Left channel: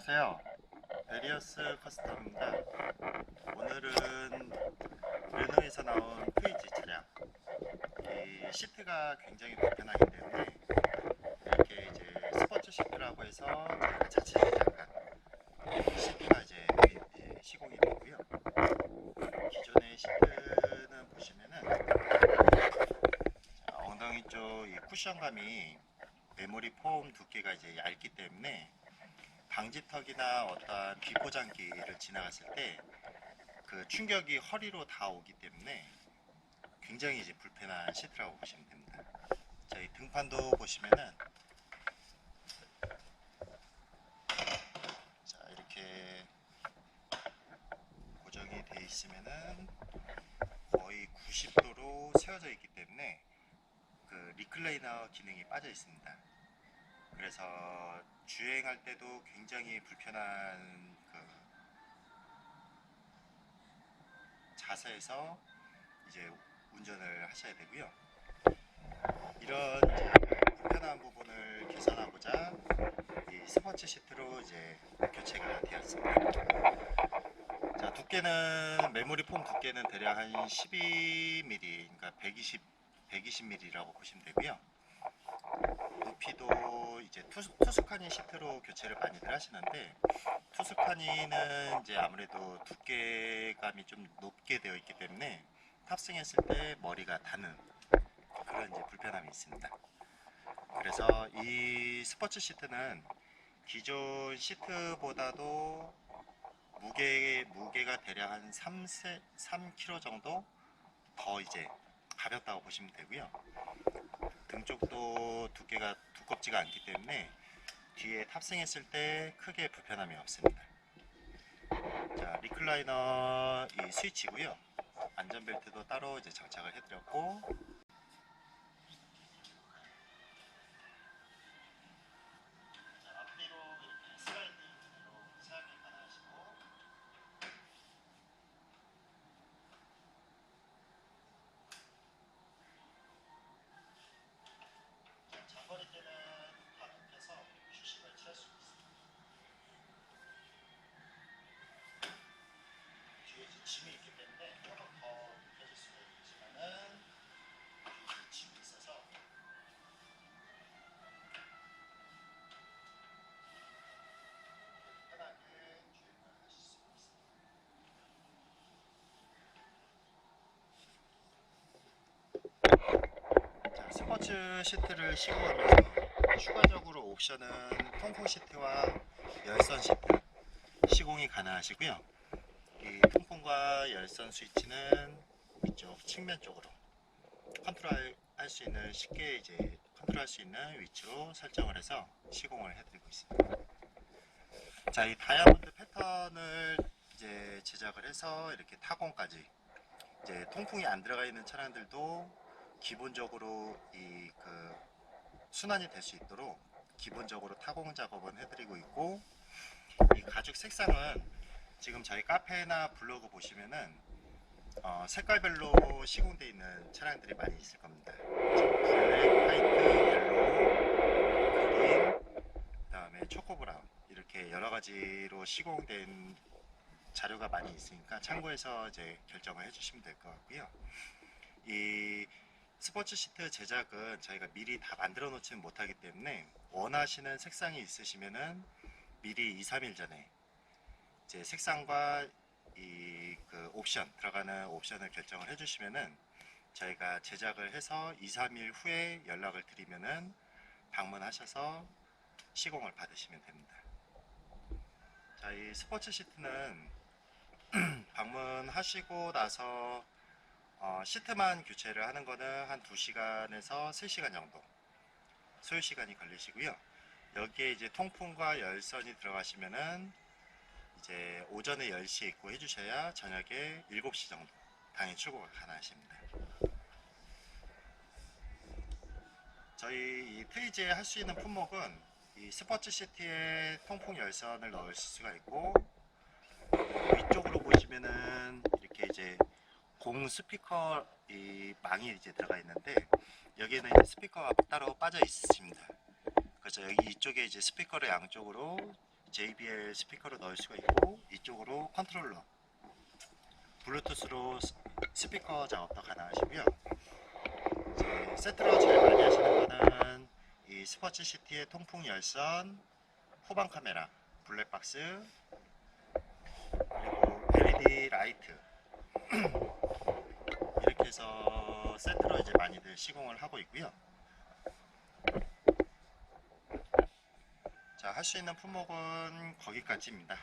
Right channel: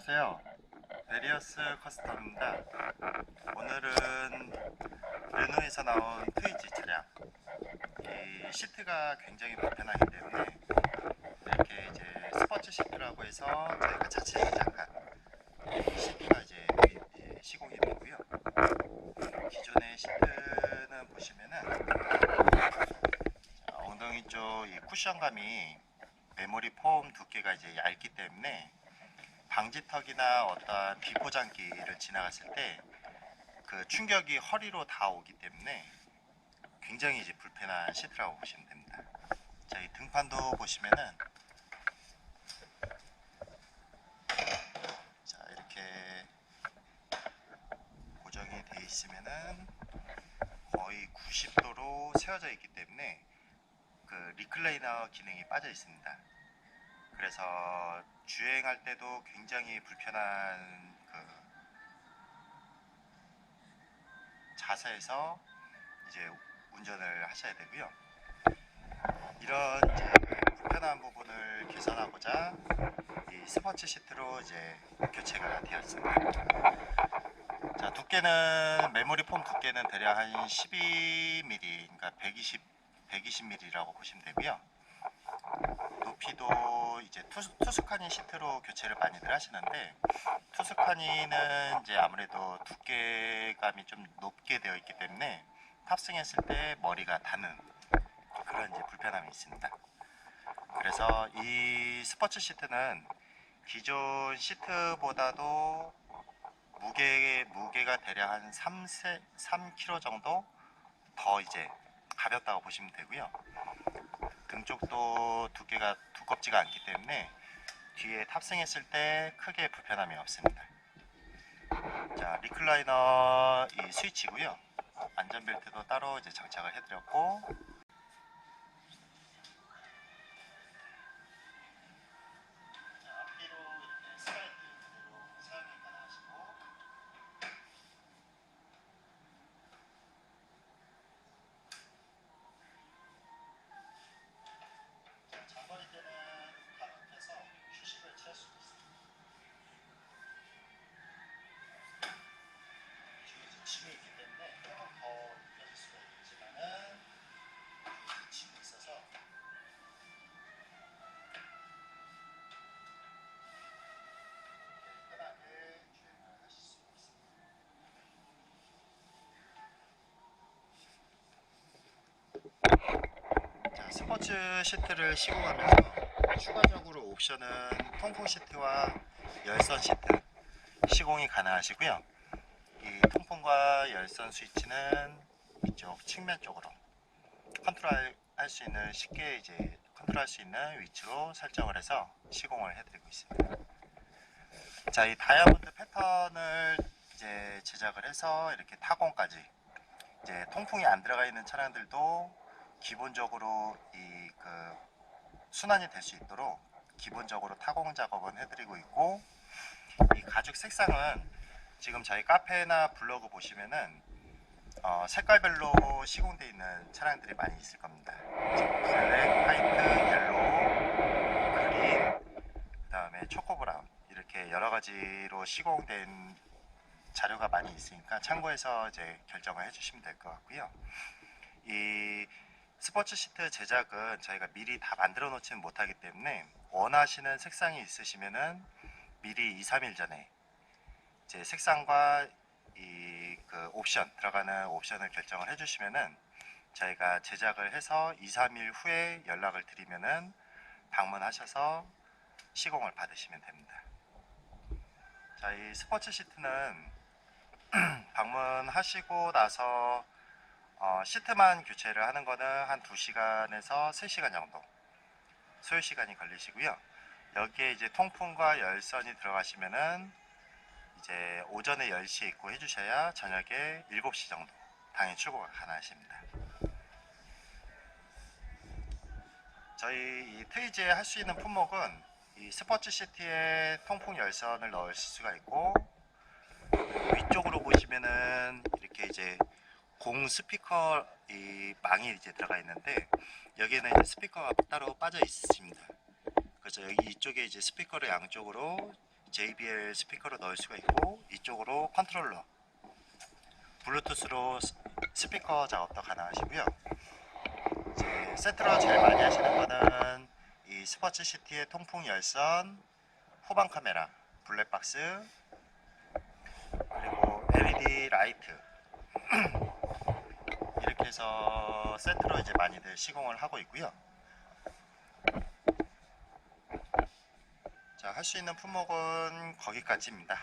안녕하세요. 베리어스 커스텀입니다. 오늘은 르노에서 나온 트위지 차량. 이 시트가 굉장히 불편하기 때문에 이렇게 이제 스포츠 시트라고 해서 저희가 자체 제작한 시트가 이제 이제 시공이 되고요. 기존의 시트는 보시면은 자, 엉덩이 쪽 이 쿠션감이 메모리 폼 두께가 이제 얇기 때문에 방지턱이나 어떠한 비포장기를 지나갔을 때 그 충격이 허리로 다 오기 때문에 굉장히 이제 불편한 시트라고 보시면 됩니다. 자, 이 등판도 보시면은 자, 이렇게 고정이 돼 있으면은 거의 90도로 세워져 있기 때문에 그 리클레이너 기능이 빠져 있습니다. 그래서 주행할 때도 굉장히 불편한 그 자세에서 이제 운전을 하셔야 되고요. 이런 불편한 부분을 개선하고자 이 스포츠 시트로 이제 교체가 되었습니다. 자 두께는 메모리 폼 두께는 대략 한 12mm, 그러니까 120 120mm라고 보시면 되고요. 높이도 이제 투스, 투스카니 시트로 교체를 많이들 하시는데 투스카니는 이제 아무래도 두께감이 좀 높게 되어 있기 때문에 탑승했을 때 머리가 닿는 그런 이제 불편함이 있습니다. 그래서 이 스포츠 시트는 기존 시트보다도 무게 무게가 대략 한 3, 3kg 정도 더 이제 가볍다고 보시면 되고요. 등 쪽도 두께가 두껍지가 않기 때문에 뒤에 탑승했을 때 크게 불편함이 없습니다. 자, 리클라이너 이 스위치고요. 안전벨트도 따로 이제 장착을 해드렸고 스포츠 시트를 시공하면서 추가적으로 옵션은 통풍 시트와 열선 시트 시공이 가능하시고요. 이 통풍과 열선 스위치는 이쪽 측면 쪽으로 컨트롤 할 수 있는 쉽게 이제 컨트롤 할 수 있는 위치로 설정을 해서 시공을 해드리고 있습니다. 자, 이 다이아몬드 패턴을 이제 제작을 해서 이렇게 타공까지 이제 통풍이 안 들어가 있는 차량들도 기본적으로 이 그 순환이 될 수 있도록 기본적으로 타공 작업은 해드리고 있고 이 가죽 색상은 지금 저희 카페나 블로그 보시면은 어, 색깔별로 시공되어 있는 차량들이 많이 있을 겁니다. 블랙, 화이트, 옐로우, 그린, 그 다음에 초코 브라운 이렇게 여러 가지로 시공된 자료가 많이 있으니까 참고해서 이제 결정을 해주시면 될 것 같고요. 이 스포츠 시트 제작은 저희가 미리 다 만들어 놓지는 못하기 때문에 원하시는 색상이 있으시면은 미리 2, 3일 전에 이제 색상과 이 그 옵션 들어가는 옵션을 결정을 해주시면은 저희가 제작을 해서 2, 3일 후에 연락을 드리면은 방문하셔서 시공을 받으시면 됩니다. 자, 이 스포츠 시트는 방문하시고 나서 어, 시트만 교체를 하는 거는 한 2시간에서 3시간 정도 소요 시간이 걸리시고요. 여기에 이제 통풍과 열선이 들어가시면은 이제 오전에 10시에 입고 해주셔야 저녁에 7시 정도 당일 출고가 가능하십니다. 저희 이 트위즈에 할 수 있는 품목은 이 스포츠 시티에 통풍 열선을 넣을 수가 있고 위쪽으로 보시면은 이렇게 이제 공 스피커 이 망이 이제 들어가 있는데 여기에는 스피커가 따로 빠져 있습니다. 그래서 여기 이쪽에 이제 스피커를 양쪽으로 JBL 스피커로 넣을 수가 있고 이쪽으로 컨트롤러 블루투스로 스- 스피커 작업도 가능하시고요. 이제 세트로 제일 많이 하시는 거는 이 스포츠 시티의 통풍 열선, 후방 카메라, 블랙박스, 그리고 LED 라이트 해서 세트로 이제 많이들 시공을 하고 있고요. 자, 할 수 있는 품목은 거기까지입니다.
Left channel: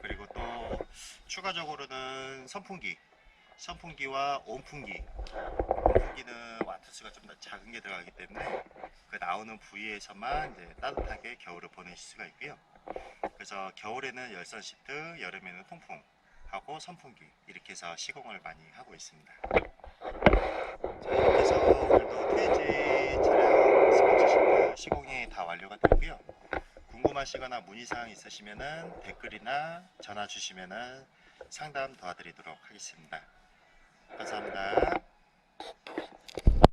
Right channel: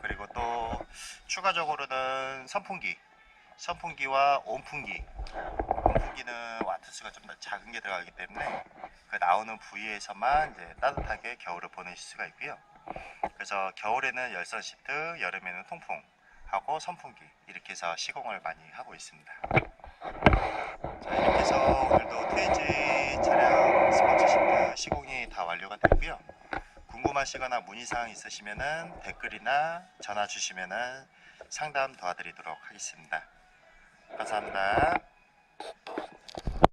그리고 또 추가적으로는 선풍기, 선풍기와 온풍기. 온풍기는 와트수가 좀더 작은 게 들어가기 때문에 그 나오는 부위에서만 이제 따뜻하게 겨울을 보내실 수가 있고요. 그래서 겨울에는 열선 시트, 여름에는 통풍 하고 선풍기 이렇게 해서 시공을 많이 하고 있습니다. 해서 오늘도 트위지 차량 스포츠 시트 시공이 다 완료가 됐고요. 궁금하시거나 문의사항 있으시면은 댓글이나 전화 주시면은 상담 도와드리도록 하겠습니다. 감사합니다.